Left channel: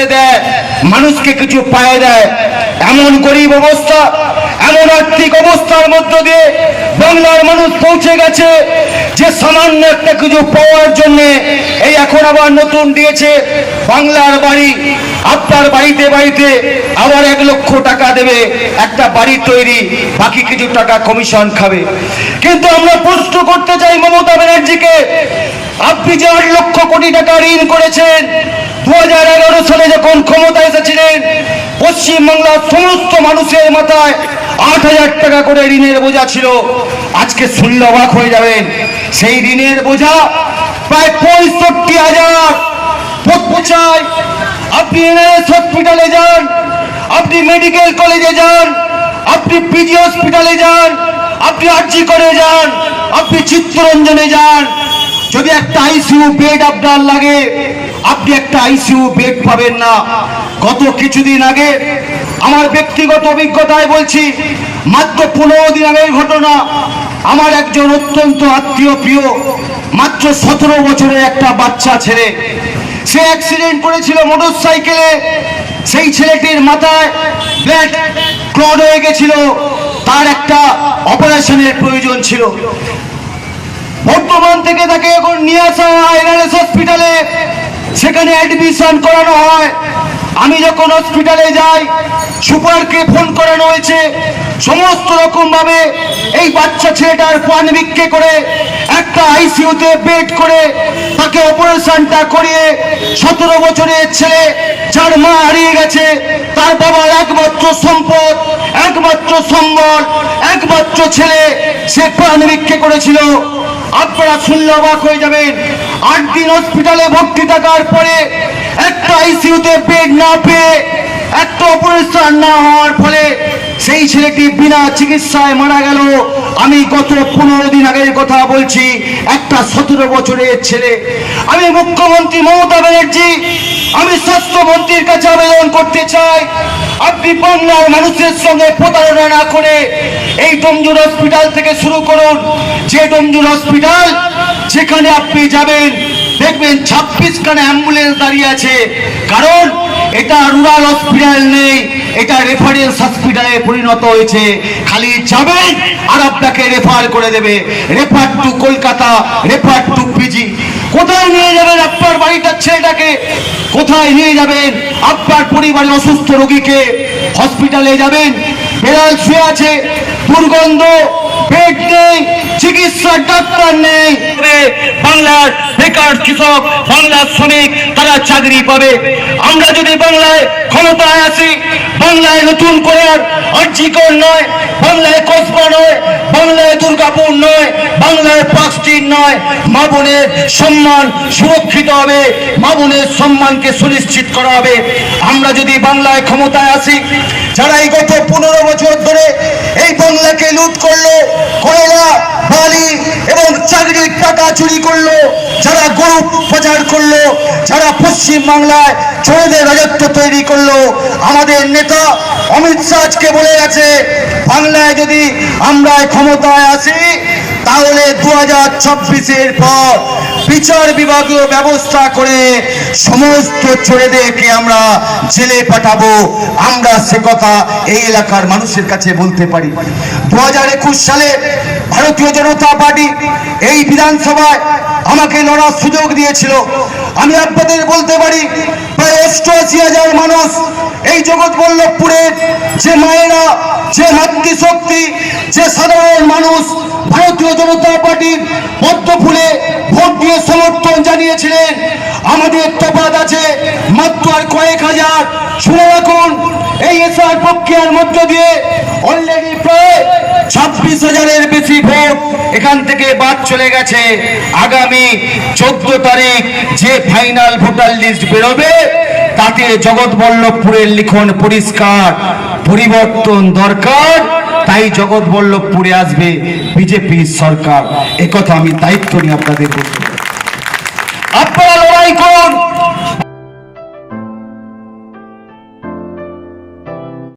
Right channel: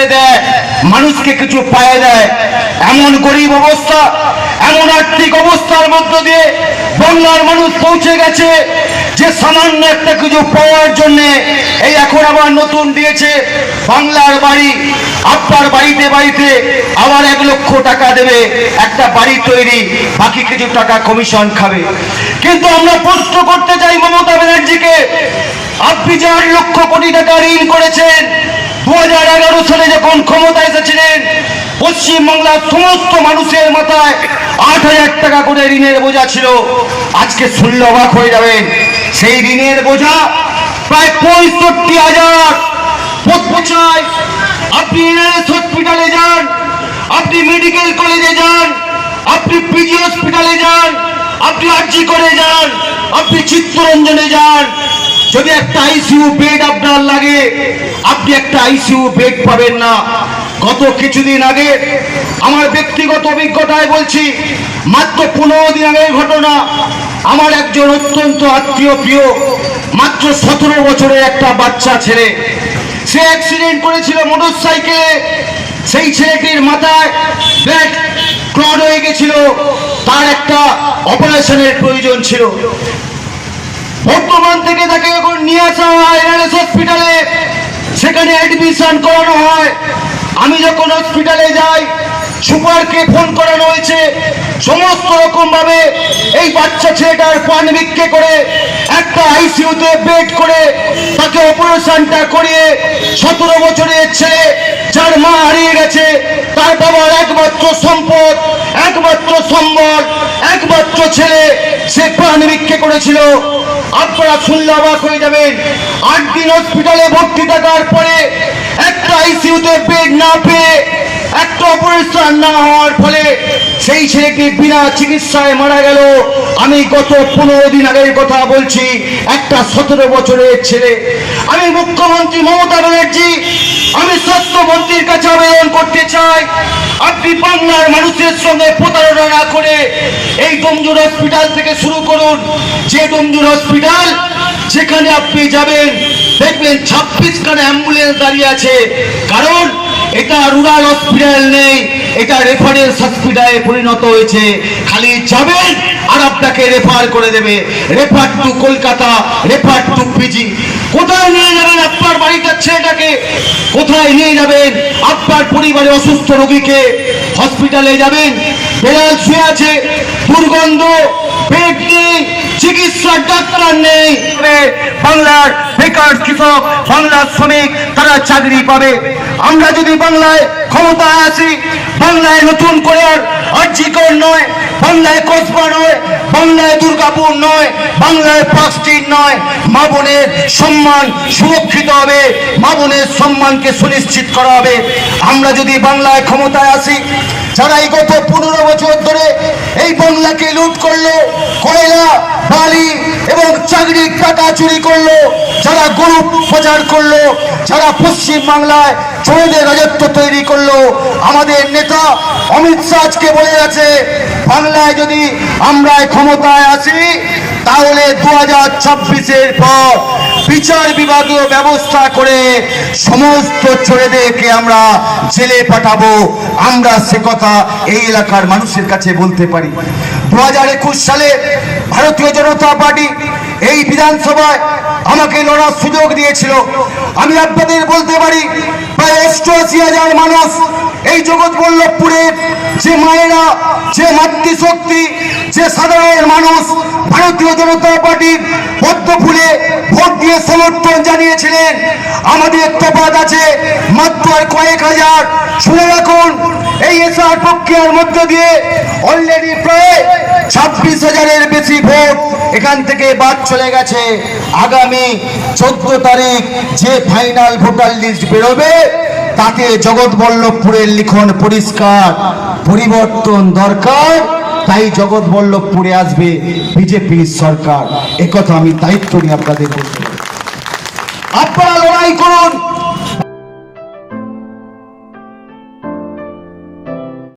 করে দেয়, মানুষকে কিছু পায় দেয়। এমন গরিব অবস্থা, এমন আর্থিক অবস্থার মধ্য দিয়ে বাংলার মানুষ পৌঁছে গেছে যে সামান্য একটা কিছু পাওয়ার জন্য এই এখন আবার নতুন দিয়েছে বাংলার বাড়ি। আপনার বাড়িতে বাড়িতে আবার এক লক্ষ টাকা দেবে, একটা বাড়ি তৈরি, বাকি কিছু টাকা কমিশন খাবে। কিন্তু আমরা প্রশ্ন করতে চাই মমতা ব্যানার্জিকে, আপনি যে আট লক্ষ কোটি টাকা ঋণ করেছেন দু হাজার এগারো সালে যখন ক্ষমতা এসেছিলেন, পশ্চিমবাংলার সমস্ত মানুষের মাথায় আট হাজার টাকা করে ঋণের বোঝা ছিল। আজকে শুনলে অবাক হয়ে যাবেন। সেই ঋণের বোঝা প্রায় পঁয়ষট্টি হাজার। চাই আপনি এনআরএস হসপিটালে যান, আপনি মেডিকেল কলেজে যান, আপনি পিজি হসপিটালে যান, আপনি আরজি করে যান, আপনি চিত্তরঞ্জনে যান। যদি একটা আইসিইউ বেড আপনার লাগে, আপনি একটা আইসিইউ বেড পাবেন না। গত কিছুদিন আগে আমার ব্যক্তিগত অভিজ্ঞতায় বলছি, মাত্র পনেরো দিন আগের ঘটনা। আমার একজন অত্যন্ত আত্মীয় প্রিয়, মাত্র সতেরো বছরের একটা বাচ্চা ছেলে। সে অ্যাক্সিডেন্ট করেছিল মোটর সাইকেলে সেই ছেলেটির মাথায় ব্লাড ক্লড হয়ে গেছিল। তার একটা অপারেশনের প্রয়োজন ছিল। বর্তমান থেকে তাকে এখন নিয়ে আসা হয় এনআরএস হসপিটালে। সেখানে অ্যাডমিশন করানো হয়। আমি যখন হসপিটালে যাই, সুপারকে ফোন করানো হয়েছে। সমস্ত রকম ভাবে এই বাচ্চা ছেলেটার প্রাণ ভিক্ষে করে, একটা আইসিইউতে বেড করে, তাকে অপারেশনটা করিয়ে সতেরো বছরের ছেলে, যার মা হারিয়ে গেছে, তার বাবার একমাত্র সম্পদ, একমাত্র সম্বল, একমাত্র ছেলে, সে প্রাণ ভিক্ষে করেছিল। আপনারা শুনলে অবাক হয়ে যাবেন। আট দিন হসপিটালে ভর্তি থাকার পরে একটা আইসিউতে বেড না পেয়ে একটা অপরিষ্কার না হওয়ার ফলে সেই ছেলেটি বিনা চিকিৎসায় মারা গেল। আমি গত পনেরো দিন আগের কথা বলছি, একটা সতেরো বছরের ছেলে। আমি মুখ্যমন্ত্রী মমতা ব্যানার্জি আমি স্বাস্থ্যমন্ত্রীর কাছে আবেদন করতে চাই। আপনি বাংলার মানুষের সঙ্গে প্রতারণা না করে এই ডোমজুর হসপিটাল থেকে শুরু করুন। যে ডোমজুর হসপিটাল যেখানে আপনি যাবেন, দেখবেন ছাব্বিশ খানা অ্যাম্বুলেন্স দাঁড়িয়ে আছে। কারণ এটা রুরাল হসপিটাল নেই, এটা রেফারেন্স হসপিটালে পরিণত হয়েছে। খালি যাবেন আর আপনাকে রেফার করে দেবে। Refer to Kolkata, refer to PG কোথায় নিয়ে যাবেন আপনার? কোথায় নিয়ে যাবেন? আপনার পরিবারে অসুস্থ রোগীকে হসপিটালে যাবেন। বেড়াল শুয়ে আছে দুর্গন্ধ। বেড নেই চিকিৎসার ডাক্তার নেই। বাংলার বেকার কৃষক, বাংলার শ্রমিক, তারা চাকরি পাবে। আমরা যদি বাংলায় ক্ষমতায় আসি বাংলায় নতুন করে আর আর্জিকর নয়, বাংলায় কসবা নয়, বাংলায় দুর্গাপুর নয়, বাংলায় পাঁচটির নয়, মা সম্মান সুরক্ষিত হবে, মা সম্মানকে সুনিশ্চিত করা হবে। আমরা যদি বাংলায় ক্ষমতায় আসি যারা এই গত পনেরো বছর ধরে এই বাংলাকে লুট করল কয়লা বালি এবং চাকরির পাতা চুরি করল, যারা গরু প্রচার করল, যারা পশ্চিম বাংলায় চোরদের রাজত্ব তৈরি করল। আমাদের নেতা অমিত শাহকে বলে গেছে, বাংলায় যদি আমরা ক্ষমতায় আসি তাহলে দু হাজার ছাব্বিশের পর বিচার বিভাগীয় ব্যবস্থা করে সমস্ত ছেলেদেরকে আমরা জেলে পাঠাবো। আমরা সে কথা এই এলাকার মানুষের কাছে বলতে পারি। দু হাজার একুশ সালে ভারতীয় জনতা পার্টি এই বিধানসভায় আমাকে লড়ার সুযোগ দিয়েছিল। আমি আপনাদের বলতে পারি, প্রায় অষ্টআশি হাজার মানুষ এই জগৎ বল্লভপুরের যে মায়েরা, যে মাতৃশক্তি যে সাধারণ মানুষ ভারতীয় জনতা পার্টির পদ্ম ফুলে ভোট দিয়ে সমর্থন জানিয়েছিলেন, আমাদের তফাত আছে মাত্র আর কয়েক হাজার। শুনে রাখুন, এই এসআর প্রক্রিয়ার মধ্য দিয়ে অলরেডি প্রায় ছাব্বিশ হাজারের বেশি ভোট এখান থেকে বাদ চলে গেছে। আগামী চোদ্দ তারিখ যে ফাইনাল ভোটার লিস্ট বেরোবে তাতে জগৎবল্লভপুরের লিখন পরিষ্কার পরিবর্তন দরকার, তাই জগৎবল্লভপুরে আসবে বিজেপি সরকার। একথা আমি দায়িত্ব নিয়ে আপনাদের বলতে আপনারা লড়াই করুন